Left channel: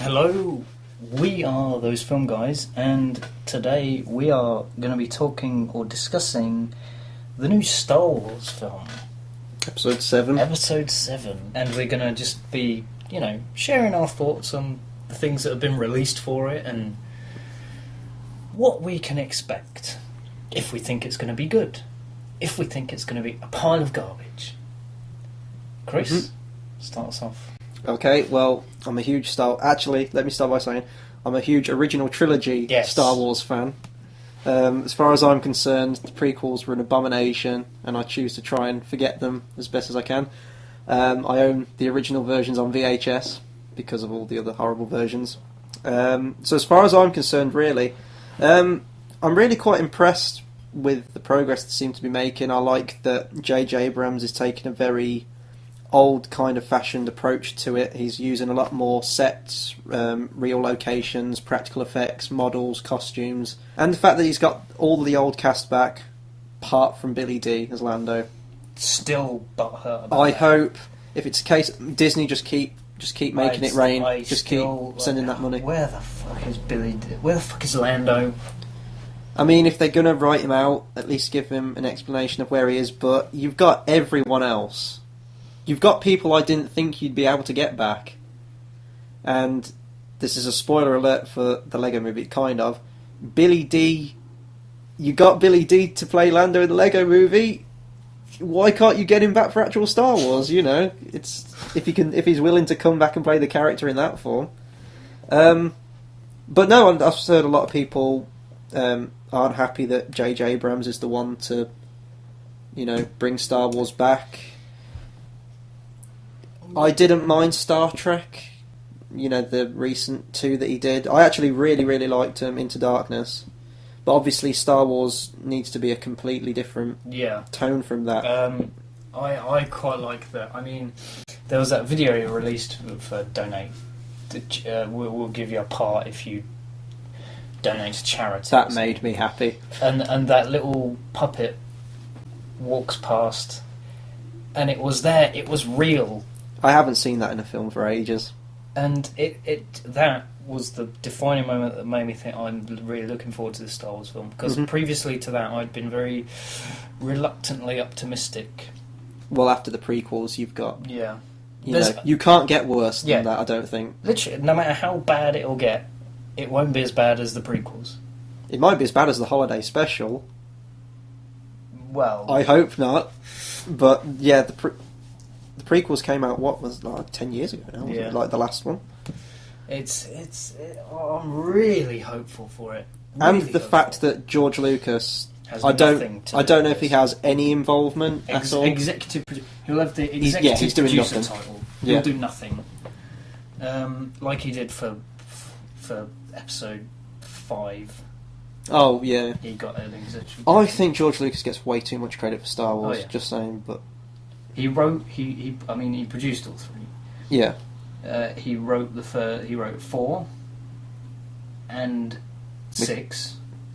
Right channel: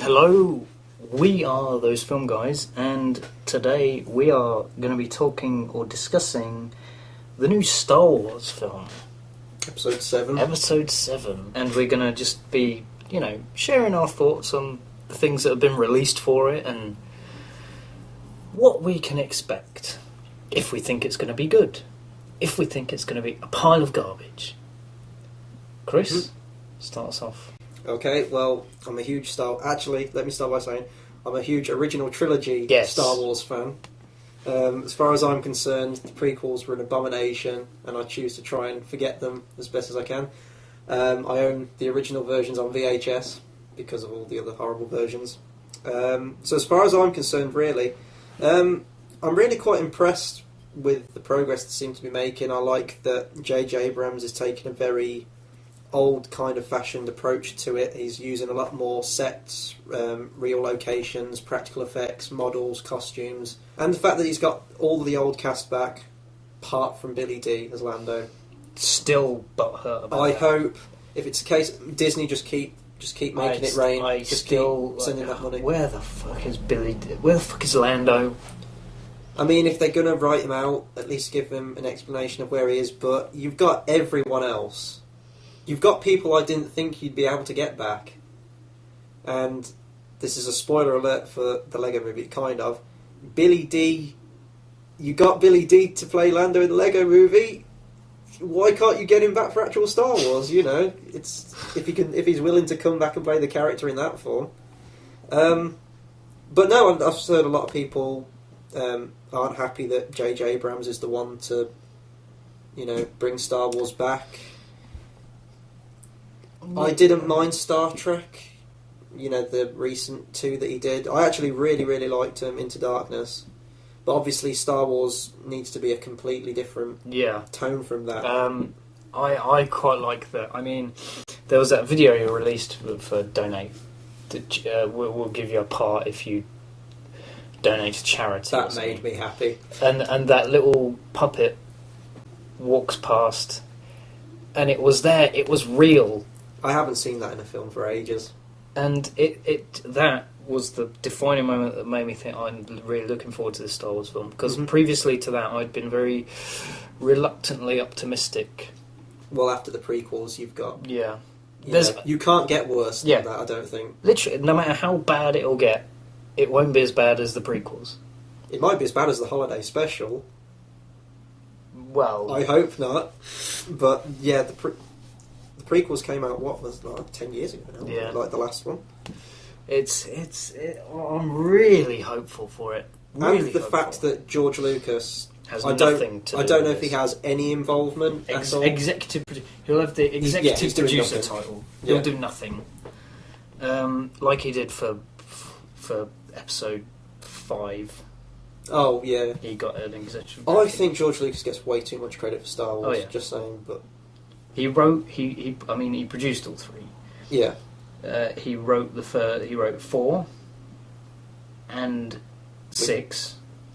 Hello, we are Those Film Guys, and today we are going to be talking or discussing the new Star Wars film. Episode 7. Episode 7. And we're going to just be, sharing our thoughts on the things that have been released for it and what we can expect. If we think it's going to be good. If we think it's going to be a pile of garbage. Chris, start us off. Okay, well, I'm a huge Actually, let me start by saying I'm a huge original trilogy Star Wars fan. As far as I'm concerned, the prequels were an abomination, and I choose to try and forget them as best as I can. I own the original versions on VHS because of all the other horrible versions. So as far as I'm concerned, really, I'm really quite impressed with the progress they seem to be making. I like that J.J. Abrams is taking a very old kind of fashioned approach to it. He's using a lot more sets, real locations, practical effects, models, costumes, and the fact that he's got all the old cast back, apart from Billy D as Lando. Still butthurt. I hope if it's a case Disney just keep making it rain. Just keep sending that money. Where the fuck is Billy D? Where the fuck is Lando? I mean, if they're gonna write him out, at least give him an explanation of where he is. But you've got everyone else. You've got people I didn't think you'd be able to get back. And this is a spoiler alert for the Lego movie, kind of. Billy D. You got Billy D to play Lando in the Lego movie. Why can't you get him back for actual Star Wars? It's if he's willing to come back and play the character in that form. But no, I've heard a lot of people aren't happy that J.J. Abrams is the one to, bring Star Wars back. I didn't mind Star Trek, the recent 2 that he did. I actually really, really liked Into Darkness. But obviously Star Wars needs to be a completely different tone from that. I quite like that. I mean, there was that video he released for donate. We'll give you a part if you donate to charity. That made me happy. And that little puppet walks past, and it was there. It was real. I haven't seen that in a film for ages. And that was the defining moment that made me think I'm really looking forward to this Star Wars film. Because previously to that, I'd been very reluctantly optimistic. Well, after the prequels, you've got... Yeah. You can't get worse than that, I don't think. Literally, no matter how bad it'll get, it won't be as bad as the prequels. It might be as bad as the holiday special. Well... I hope not. But, yeah, the prequels came out, 10 years ago now? Yeah. Like the last one? I'm really hopeful for it. And the fact that George Lucas... I don't know if he has any involvement at all. Executive producer. He'll have the executive producer title. He'll do nothing. Like he did for Episode VII. Oh, yeah. He got an executive producer. I think George Lucas gets way too much credit for Star Wars, just saying, but... He produced all 3. Yeah. He wrote 4 and 6,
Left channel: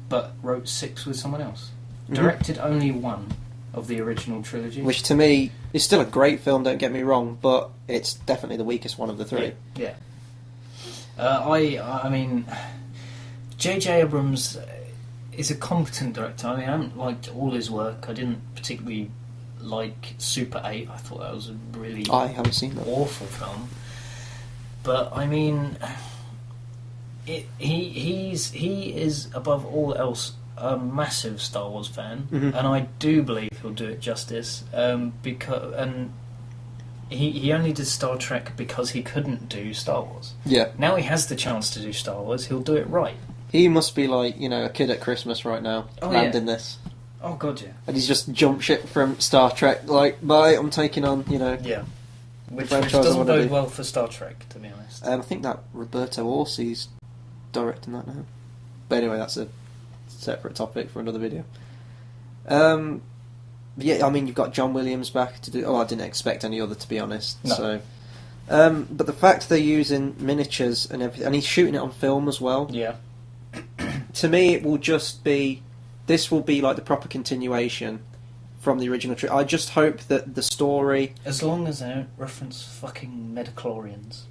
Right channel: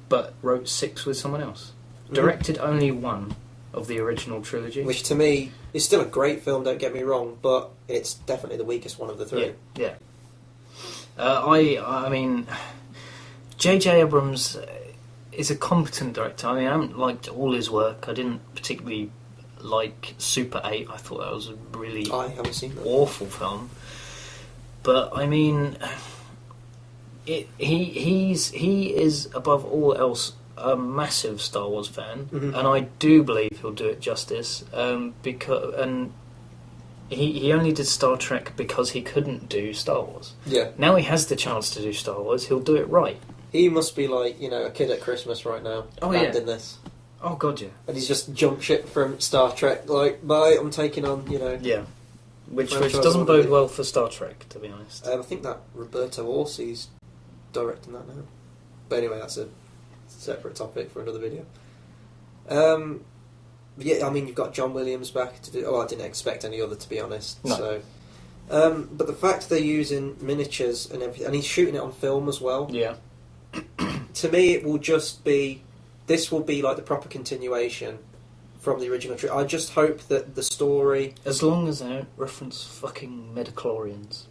but wrote 6 with someone else. Directed only 1 of the original trilogy. Which to me is still a great film, don't get me wrong, but it's definitely the weakest one of the 3. Yeah. I mean, J.J. Abrams is a competent director. I mean, I haven't liked all his work. I didn't particularly like Super 8. I thought that was a really I haven't seen that. Awful film. But I mean, he is above all else a massive Star Wars fan, and I do believe he'll do it justice. Because he only did Star Trek because he couldn't do Star Wars. Yeah. Now he has the chance to do Star Wars. He'll do it right. He must be like a kid at Christmas right now, landing this. Oh god, yeah. And he's just jumped ship from Star Trek. Like, bye, I'm taking on, Yeah. Which doesn't bode well for Star Trek, to be honest. I think that Roberto Orsi's directing that now. But anyway, that's a separate topic for another video. Yeah, I mean, you've got John Williams back to do... Oh, I didn't expect any other, to be honest. No. So, but the fact they're using miniatures and everything... And he's shooting it on film as well. Yeah. To me, it will just be... This will be like the proper continuation from the original trilogy. I just hope that the story... As long as they don't reference fucking Metachlorians.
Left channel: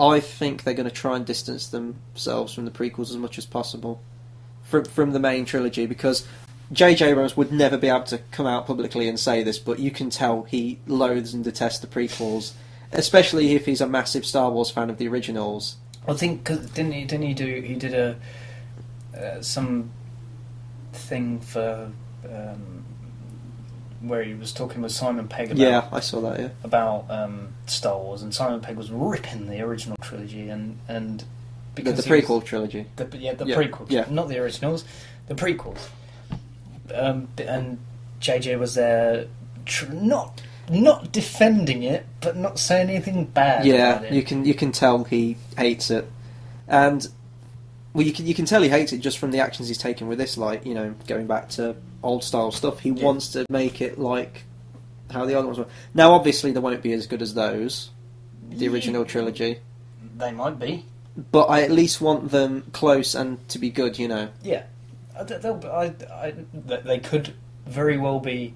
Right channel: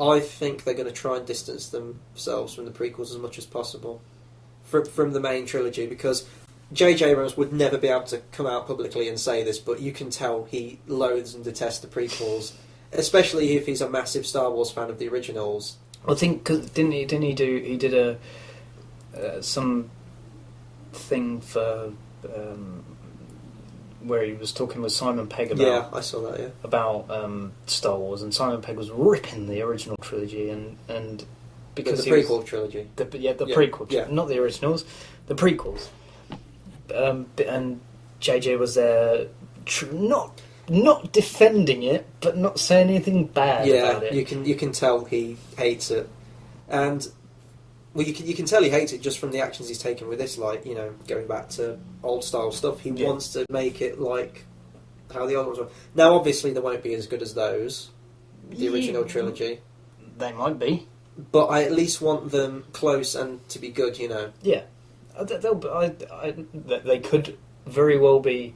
I think they're going to try and distance themselves from the prequels as much as possible from the main trilogy, because J.J. Abrams would never be able to come out publicly and say this, but you can tell he loathes and detests the prequels, especially if he's a massive Star Wars fan of the originals. I think, cause he did a some thing for where he was talking with Simon Pegg about I saw that. about Star Wars, and Simon Pegg was ripping the original trilogy and because the prequel trilogy. The prequel, not the originals, the prequels. And JJ was there, not defending it, but not saying anything bad about it. you can tell he hates it, and you can tell he hates it just from the actions he's taken with this. Like, going back to old style stuff, he wants to make it like how the other ones were. Now, obviously, they won't be as good as those, the original trilogy. They might be, but I at least want them close and to be good. Yeah. They could very well be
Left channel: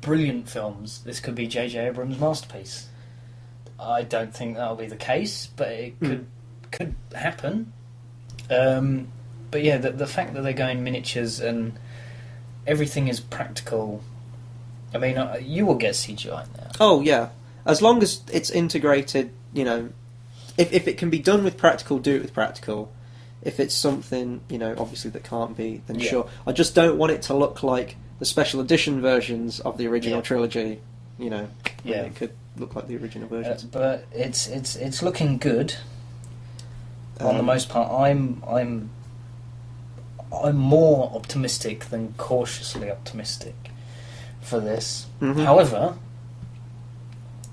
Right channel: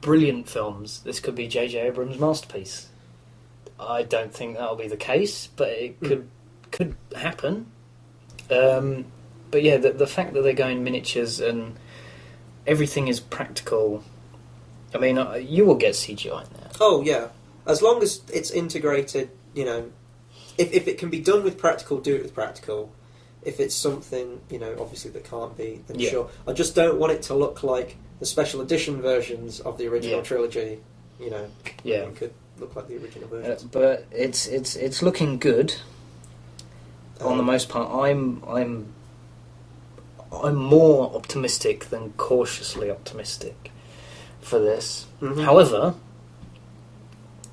brilliant films. This could be J.J. Abrams' masterpiece. I don't think that'll be the case, but it could happen. But yeah, the fact that they're going miniatures and everything is practical. I mean, you will get CGI now. Oh yeah, as long as it's integrated. If it can be done with practical, do it with practical. If it's something, obviously that can't be, then sure. I just don't want it to look like the special edition versions of the original trilogy. It could look like the original versions. But it's looking good. On the most part, I'm more optimistic than cautiously optimistic for this. Mm-hmm. However,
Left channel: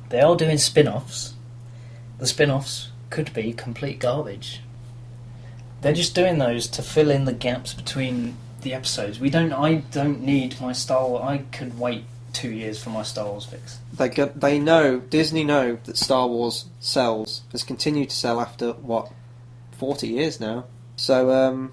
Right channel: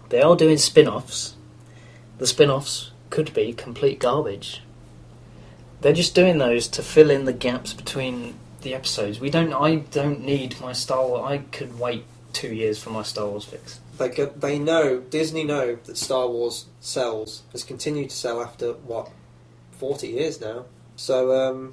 they are doing spin-offs. The spin-offs could be complete garbage. They're just doing those to fill in the gaps between the episodes. I don't need my Star Wars. I could wait 2 years for my Star Wars fix. Disney know that Star Wars sells, has continued to sell after 40 years now. So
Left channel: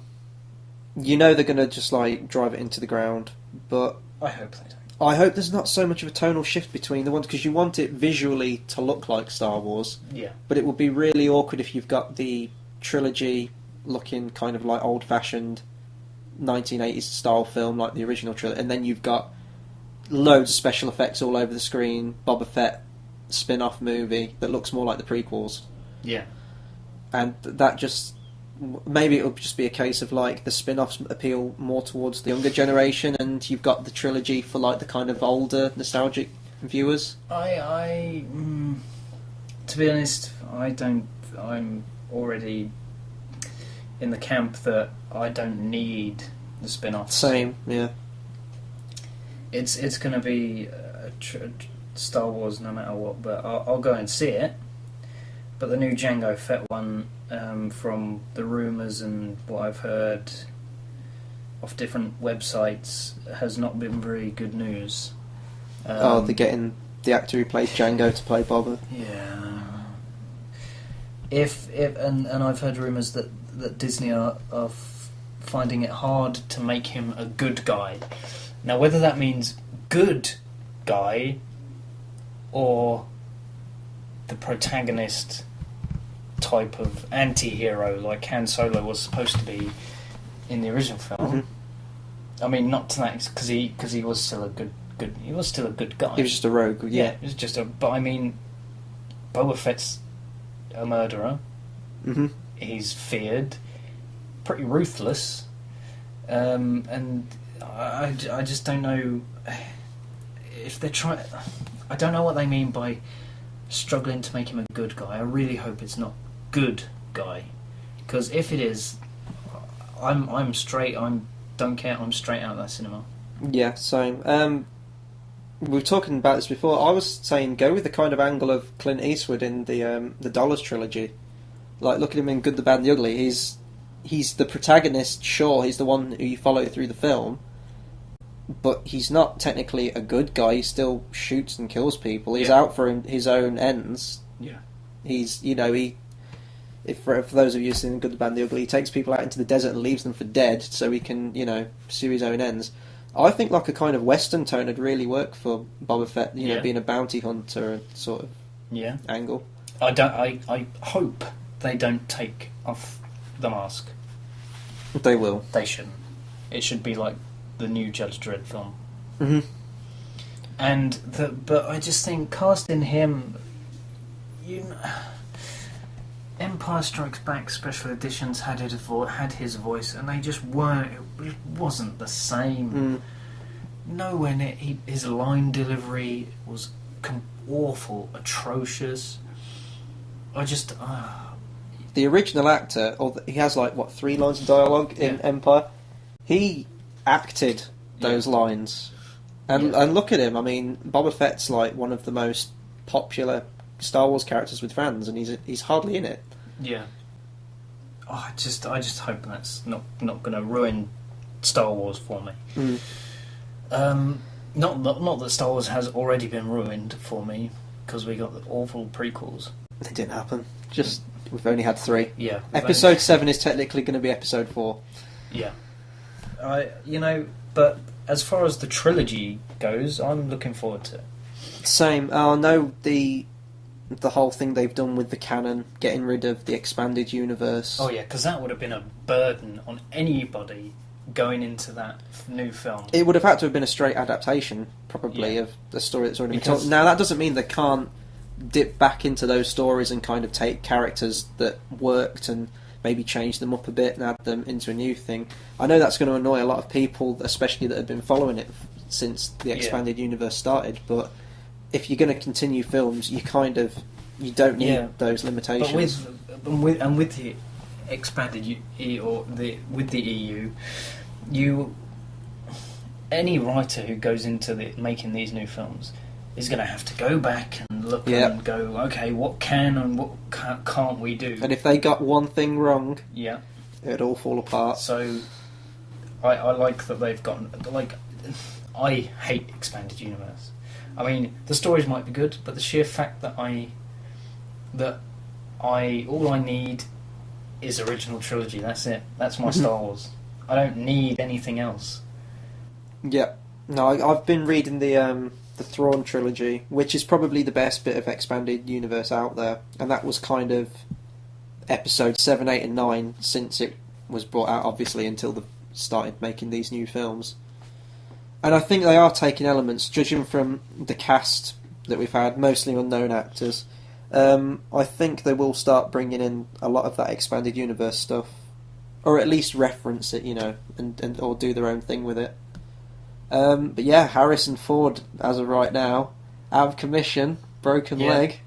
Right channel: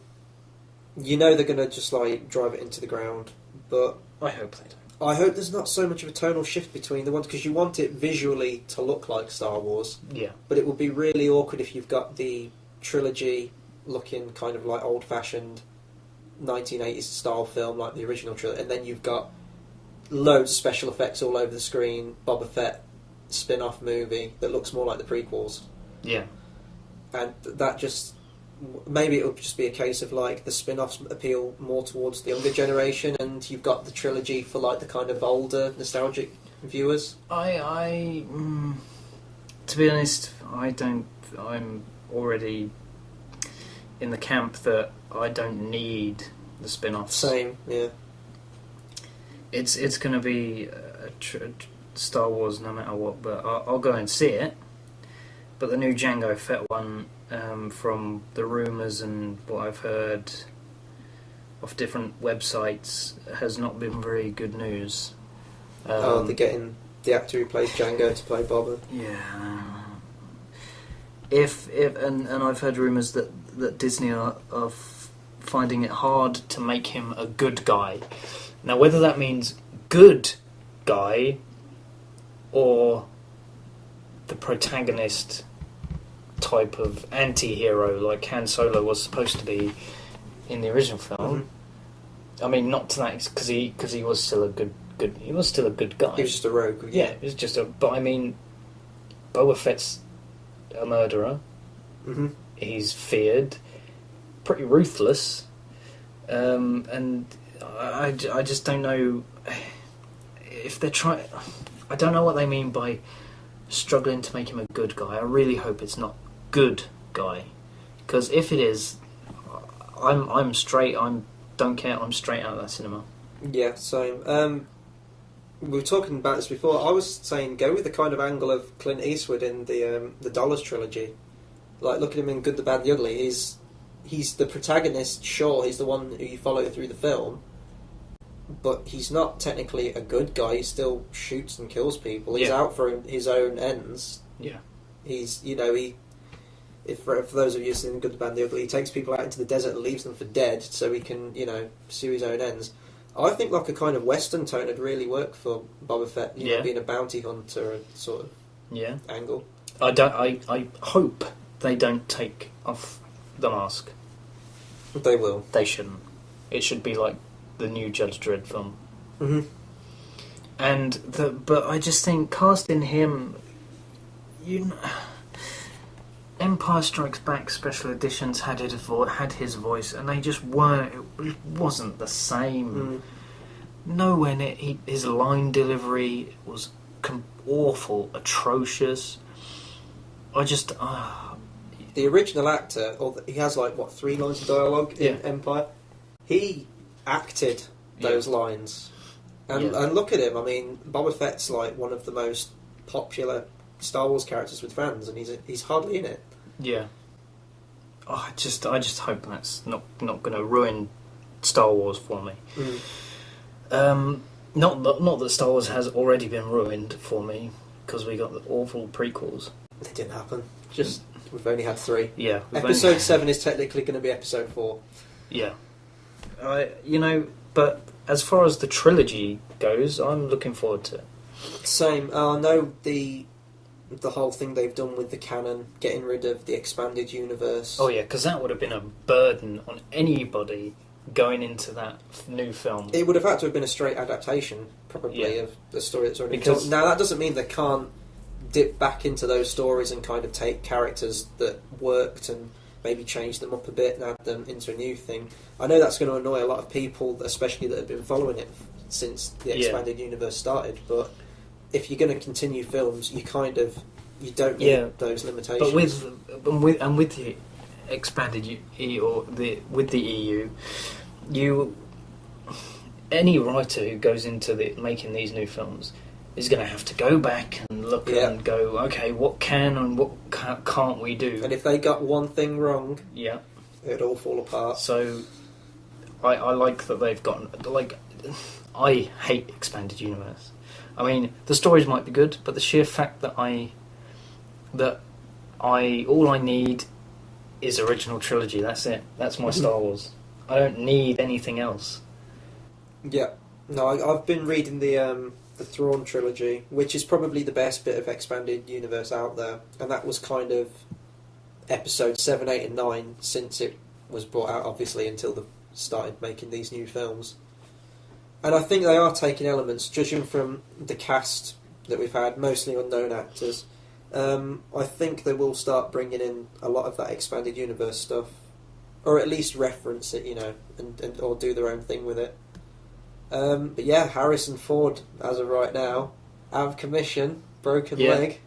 they're going to just drive it into the ground. But I hope they don't. I hope there's not so much of a tonal shift between the ones, because you want it visually to look like Star Wars. Yeah. But it would be really awkward if you've got the trilogy looking kind of like old-fashioned 1980s style film like the original trilogy, and then you've got loads of special effects all over the screen, Boba Fett spin-off movie that looks more like the prequels. Yeah. And that just... Maybe it would just be a case of the spin-offs appeal more towards the younger generation, and you've got the trilogy for the kind of older, nostalgic viewers. To be honest, I'm already in the camp that I don't need the spin-offs. Same, yeah. It's going to be Star Wars no matter what, but I'll go and see it. But the new Jango Fett one, from the rumours and what I've heard off different websites, has not been very good news. They're getting the actor who plays Jango to play Boba. Yeah. And I've heard rumours that Disney are finding it hard to make him a good guy. Now, whether that means good guy or the protagonist type of anti-hero like Han Solo was supposed to be in the original film. Mm-hmm. I mean, not to that, because he was still a good he was still a good guy. He was just a rogue. Yeah, he was just but I mean, Boba Fett's a murderer. Mm-hmm. He's feared, pretty ruthless, and I just don't know if they're trying. I don't know what they mean by struggling to make him a good guy. I really hope it's not good guy, because if it is, I'm straight. Don't care. I'm straight out of that cinema. Yeah, same. We were talking about this before. I was saying go with the kind of angle of Clint Eastwood in the Dollars trilogy. Look at him in Good, the Bad, and the Ugly. He's the protagonist. Sure, he's the one who you follow through the film, but he's not technically a good guy. He still shoots and kills people. He's out for his own ends. Yeah. He's, for those of you seen Good, the Bad, and the Ugly, he takes people out into the desert and leaves them for dead so he can, pursue his own ends. I think a kind of Western tone would really work for Boba Fett, being a bounty hunter sort of angle. I hope they don't take off the mask. They will. They shouldn't. It should be like the new Judge Dredd film. Mm-hmm. But I just think casting him, Empire Strikes Back special editions had his voice, and they just weren't. It wasn't the same. Nowhere near. His line delivery was awful, atrocious. I just. The original actor, he has 3 lines of dialogue in Empire. He acted those lines, and look at him. I mean, Boba Fett's one of the most popular Star Wars characters with fans, and he's hardly in it. Yeah. I just hope that's not going to ruin Star Wars for me. Not that Star Wars has already been ruined for me, because we got the awful prequels. It didn't happen. We've only had 3. Yeah. Episode 7 is technically going to be Episode 4. Yeah. But as far as the trilogy goes, I'm looking forward to it. Same. I know the whole thing they've done with the canon, getting rid of the expanded universe. Oh yeah, because that would have been a burden on anybody going into that new film. It would have had to have been a straight adaptation, probably, of the story that's already been told. Now, that doesn't mean they can't dip back into those stories and kind of take characters that worked and maybe change them up a bit and add them into a new thing. I know that's going to annoy a lot of people, especially that have been following it since the expanded universe started, but if you're going to continue films, you don't need those limitations. But with the expanded with the EU, any writer who goes into making these new films is going to have to go back and look and go, okay, what can and what can't we do? And if they got one thing wrong, it'd all fall apart. So I like that they've gotten I hate expanded universe. I mean, the stories might be good, but the sheer fact that all I need is original trilogy. That's it. That's my Star Wars. I don't need anything else. Yeah. No, I've been reading the Thrawn trilogy, which is probably the best bit of expanded universe out there, and that was kind of episode 7, 8 and 9 since it was brought out, obviously, until they started making these new films. And I think they are taking elements, judging from the cast that we've had, mostly unknown actors. I think they will start bringing in a lot of that expanded universe stuff, or at least reference it, and or do their own thing with it. But yeah, Harrison Ford, as of right now, out of commission, broken leg.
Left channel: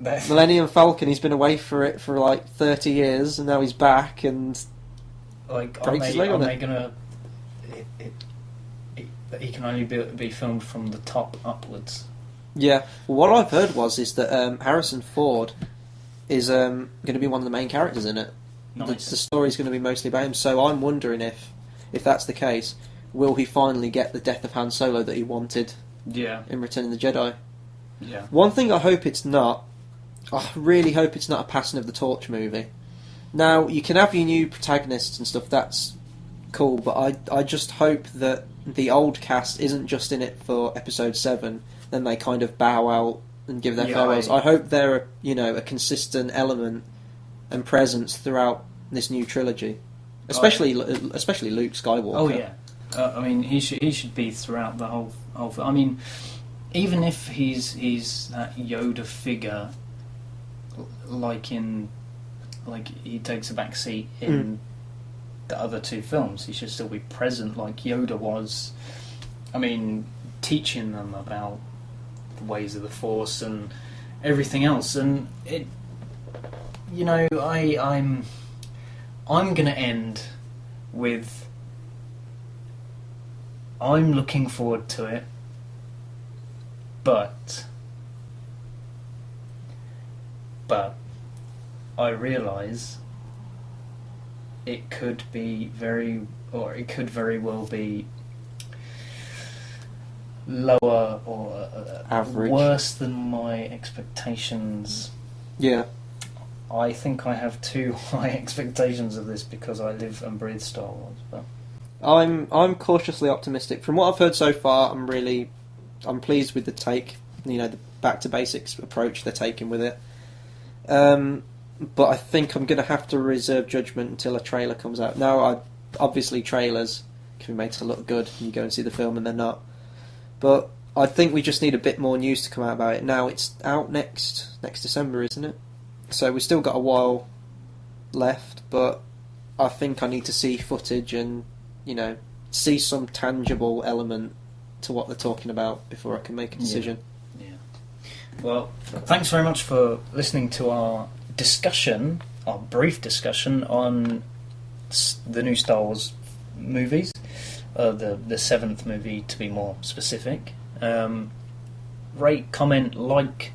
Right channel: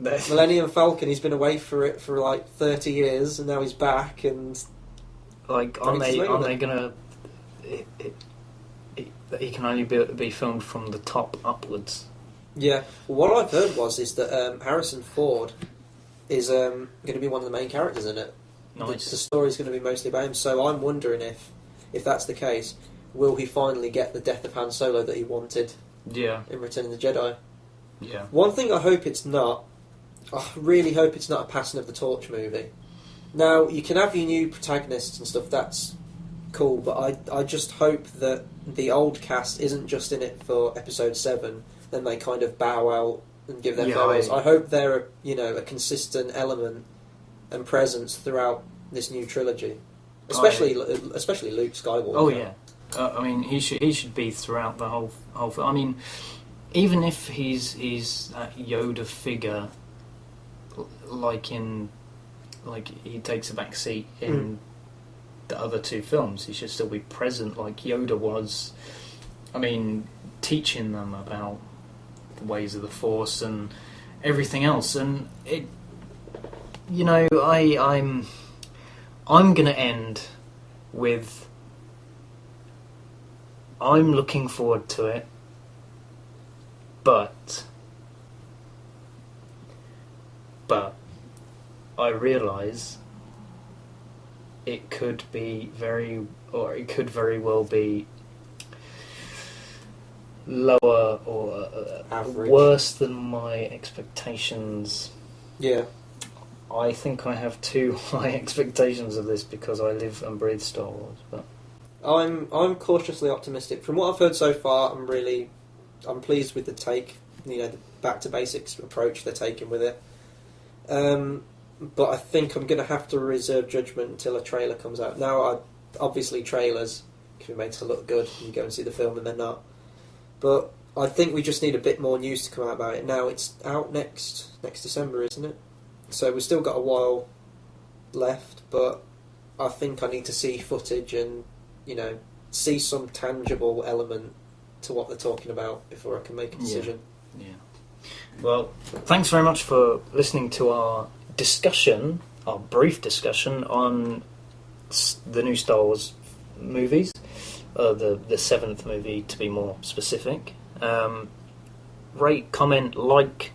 Millennium Falcon, he's been away for 30 years, and now he's back, and are they gonna? He can only be filmed from the top upwards. Yeah. Well, what I've heard is that Harrison Ford is going to be one of the main characters in it. Nice. The story's going to be mostly about him. So I'm wondering if that's the case, will he finally get the death of Han Solo that he wanted? Yeah. In Return of the Jedi. Yeah. One thing I hope it's not. I really hope it's not a Passing of the Torch movie. Now, you can have your new protagonists and stuff. That's cool, but I just hope that the old cast isn't just in it for Episode 7, then they kind of bow out and give their farewells. I hope they're a consistent element and presence throughout this new trilogy, especially Luke Skywalker. Oh yeah, I mean he should be throughout the whole. I mean, even if he's that Yoda figure, like he takes a back seat in the other 2 films, he should still be present like Yoda was. I mean, teaching them about the ways of the Force and everything else, and it. I'm gonna end with. I'm looking forward to it, but I realise it could very well be lower or average, worse than my expectations. Yeah. I think I have too high expectations of this because I live and breathe Star Wars. But I'm cautiously optimistic. From what I've heard so far, I'm pleased with the take. The back to basics approach they're taking with it. But I think I'm going to have to reserve judgment until a trailer comes out. Now, obviously trailers can be made to look good, and you go and see the film and they're not. But I think we just need a bit more news to come out about it. Now, it's out next December, isn't it? So we've still got a while left, but I think I need to see footage and, see some tangible element to what they're talking about before I can make a decision. Yeah. Well, thanks very much for listening to our brief discussion on the new Star Wars movies, the seventh movie to be more specific. Rate, comment, like,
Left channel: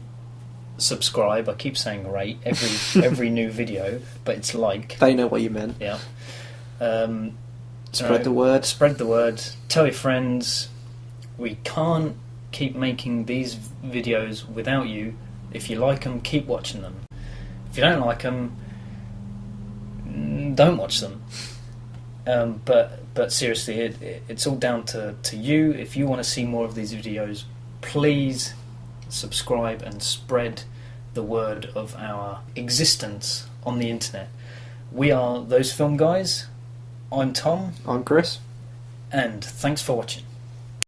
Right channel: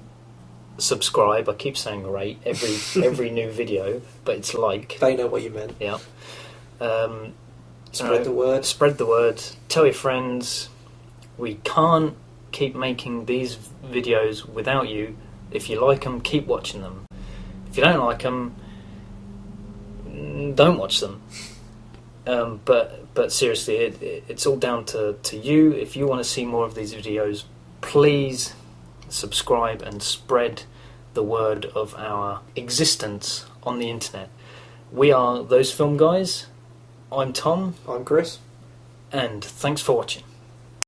subscribe. I keep saying rate every new video, but it's like. They know what you meant. Yeah. Spread the word. Spread the word. Tell your friends. We can't keep making these videos without you. If you like them, keep watching them. If you don't like them, don't watch them. But seriously, it's all down to you. If you want to see more of these videos, please subscribe and spread the word of our existence on the internet. We are Those Film Guys. I'm Tom. I'm Chris. And thanks for watching.